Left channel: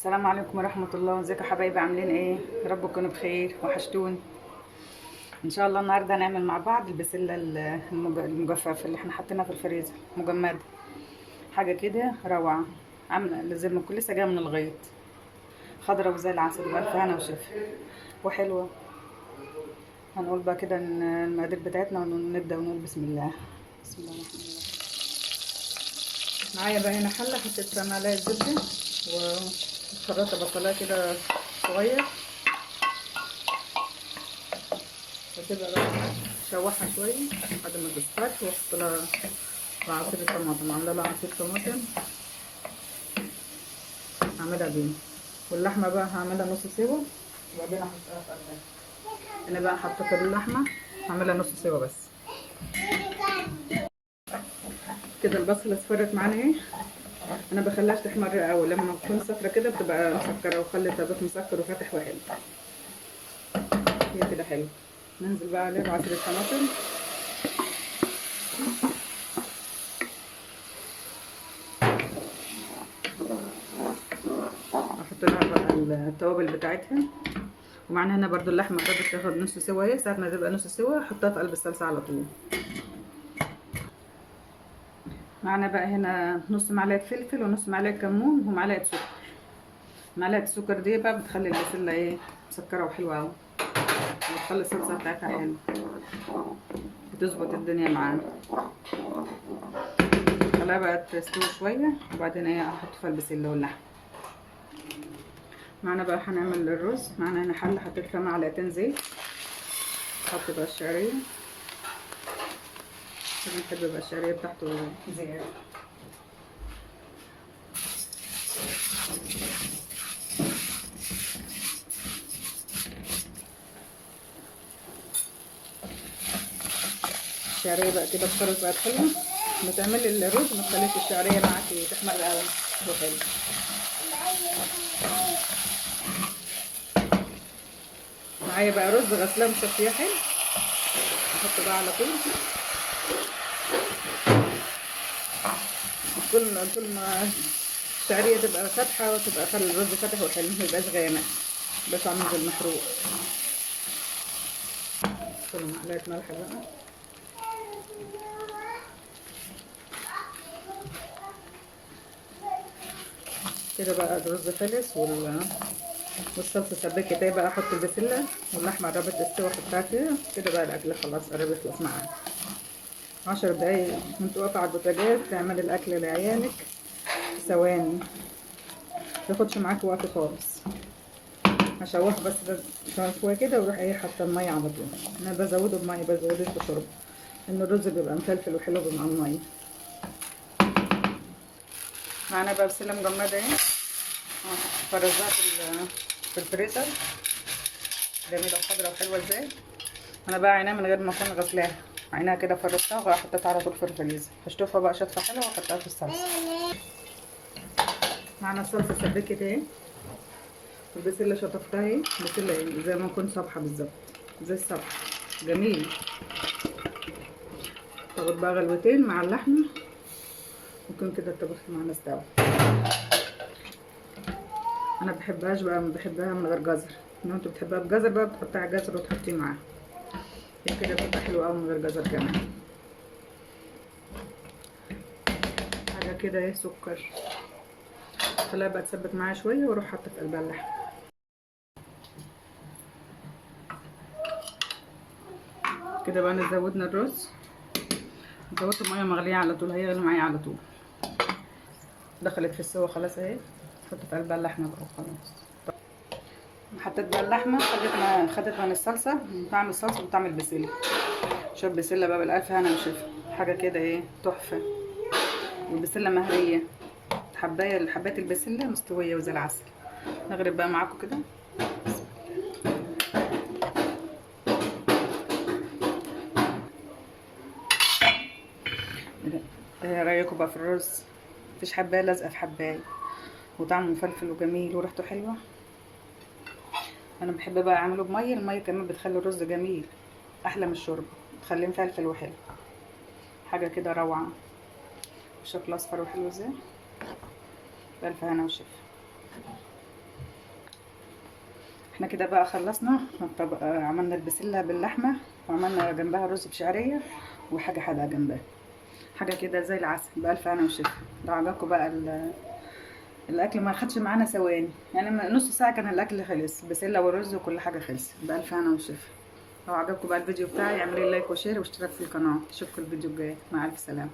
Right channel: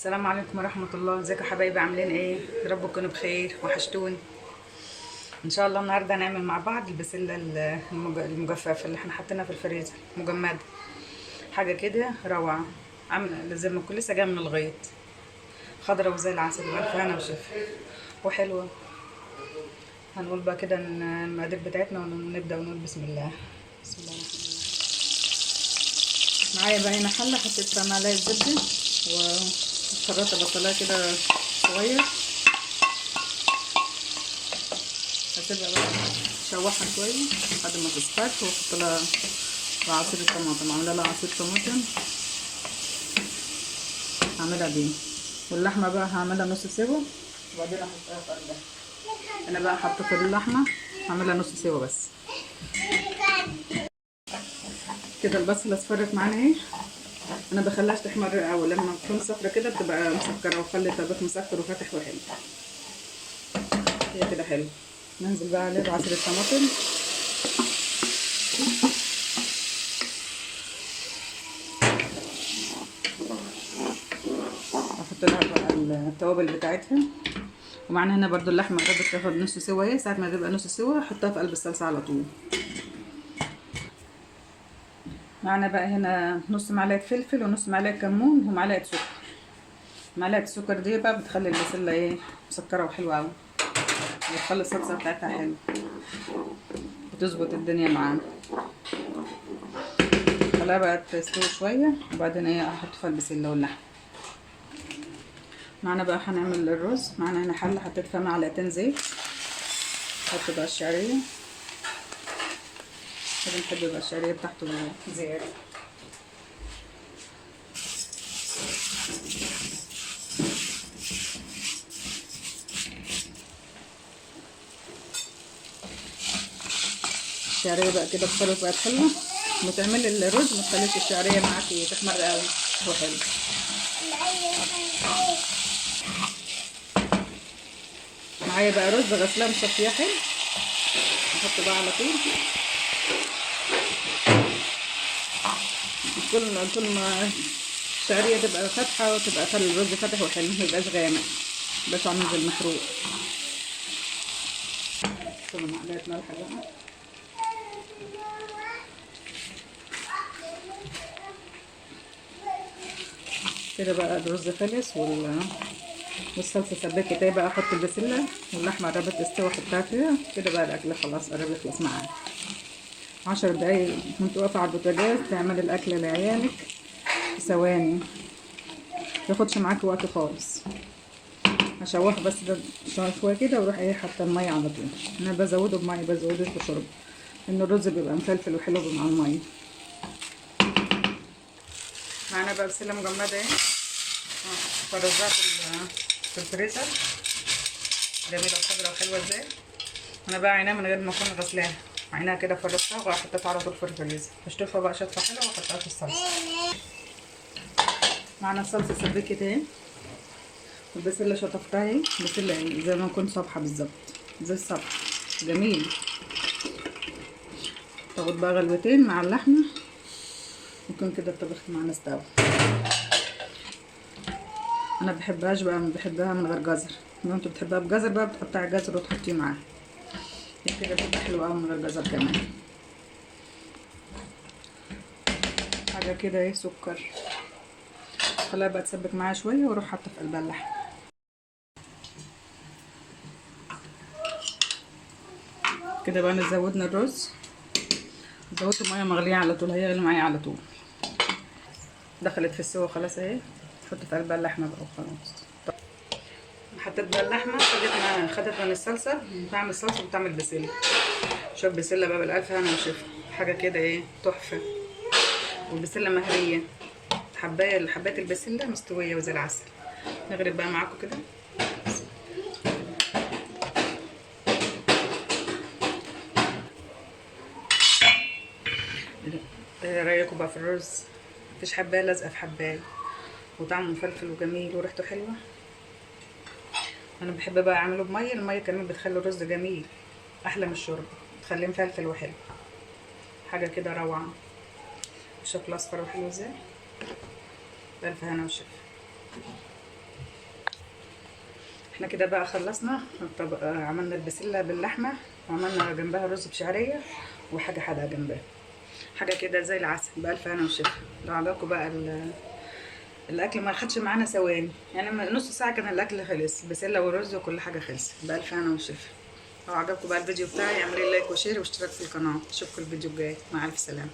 السلام عليكم ورحمة الله. ازيكم يا حبايبي؟ عاملين ايه؟ يا رب تكونوا بخير، وحشتوني. ان شاء الله النهارده هنعمل مع بعض البسلة المجففة اللي احنا حاطينها في الفريزر مجمدة. حاجة كده روعة، عاملة زي ما كل لسه جاية من الغيط، خضرة وزي العسل بألف هنا وشفا وحلوة. هنقول بقى كده المقادير بتاعتنا ونبدأ ونقول بسم الله. بسم الله الرحمن الرحيم. معايا بقى هنا حلة، حطيت فيها معلقة زبدة وخرطت بصلاية كده صغير، هسيبها بقى اشوحها شويه لحد ما تصفر، واحط لها عصير الطماطم، عامله لها عصير طماطم هعملها بيه. واللحمه بقى هعملها نص سوا وبعدين احطها في قلبها. انا بقى حطيت اللحمه هعملها نص سوا بس كده. البصله اصفرت معانا اهي. انا بخليهاش تحمر قوي، لما تكون صفرة كده بتبقى مسكره، وخلي طبق مسكر وفاتح وحلو. هي كده حلو. ننزل بقى عليه بعصير الطماطم، احط لها بقى التوابل بتاعتها. ومعانا هنا برضو اللحمه بدات تاخد نص سوا اهي. ساعه ما تبقى نص سوا احطها في قلب الصلصه على طول. معانا بقى هنا نص معلقه فلفل ونص معلقه كمون ومعلقه سكر. معلقه السكر دي بقى بتخلي البسله ايه، مسكره وحلوه قوي، بتخلي الصلصه بتاعتها حلوه وتظبط الدنيا معانا. خليها بقى تستوي شويه وبعدين ايه احط فيها البسله واللحمه. معانا بقى هنعمل الرز. معانا هنا حله حطيت فيها معلقتين زيت. احط بقى الشعريه، بنحب يبقى الشعريه بتاعته زياده. الشعريه بقى كده اتصرف بقت حلوه. ما تعملي الرز ما تخليش الشعريه معاكي تحمر قوي، هو حلو. معايا بقى رز غسلاه مصفيه حلو، احطه بقى على طول. كل ما الشعريه تبقى فاتحه وتبقى خلي الرز فاتح وحلو، ميبقاش غامق، ميبقاش عامل زي المحروق. كل معلقه ملح بقى. كده بقى الرز خلص والصلصه سبكت اهي. بقى احط البسله واللحمه قربت تستوي احطها فيها. كده بقى الاكل خلاص قرب يخلص معانا. 10 دقايق وانت واقفه على البوتاجاز تعملي الاكل لعيالك في ثواني، متاخدش معاكي وقت خالص. هشوح بس شويه كده واروح ايه حاطه الميه على طول. انا بزوده بميه، بزودوش بشرب، لان الرز بيبقى مفلفل وحلو مع الميه. معانا بقى بسله مجمده اهي، فرزها في الفريزر. جميله وخضرا وحلوه ازاي. انا بقى عينها من غير ما اكون غسلاها، عينها كده فرزتها وحطيتها على طول في الفريزر. هشطفها بقى شطفه حلوه واحطها في الصلصه. معانا الصلصه سبكت اهي، والبسله شطفتها اهي. بسله زي ما يكون صبحه بالظبط، زي الصبح، جميل. تاخد بقى غلوتين مع اللحمه يكون كده الطبخ معانا استوى. انا بحبهاش بقى، بحبها من غير جزر. لو انت بتحبها بجزر بقى بتقطعي جزر وتحطيه معاها، كده بتبقى حلوه قوي من غير جزر كمان. حاجه كده ايه، سكر. خليها بقى تسبك معايا شويه واروح حاطه في قلبها اللحمه. كده بقى زودنا الرز، زودت الميه مغليه على طول، هيغلي معايا على طول. دخلت في السوا خلاص اهي. حط في قلبها اللحمه بقى وخلاص. حطيت بقى اللحمه، خدت من الصلصه، طعم الصلصه وطعم البسله. شوف بسله بقى بالالف هنا وشفا، حاجه كده ايه تحفه. والبسله مهريه، حبايه البسله مستويه وزي العسل. نغرب بقى معاكم كده. ايه رايكم بقى في الرز؟ مفيش حبايه لازقه في حبايه، وطعمه مفلفل وجميل وريحته حلوه. انا بحب بقى اعمله بميه. الميه كمان بتخلي الرز جميل احلى من الشرب، بتخليه مفلفل وحلو، حاجه كده روعه. بشكل اصفر وحلو ازاي، بألف هنا وشفا. احنا كده بقى خلصنا الطبق. عملنا البسله باللحمه، وعملنا جنبها رز بشعريه، وحاجه حادقه جنبها، حاجه كده زي العسل. بألف هنا وشفا. لو عجبكم بقى الاكل ما خدش معانا ثواني، يعني نص ساعه كان الاكل خلص، البسله والرز وكل حاجه خلص. بألف هنا وشفا. لو عجبكم بقى الفيديو بتاعي اعملوا لايك وشير واشتراك في القناه. اشوفكم الفيديو الجاي. مع الف سلامه.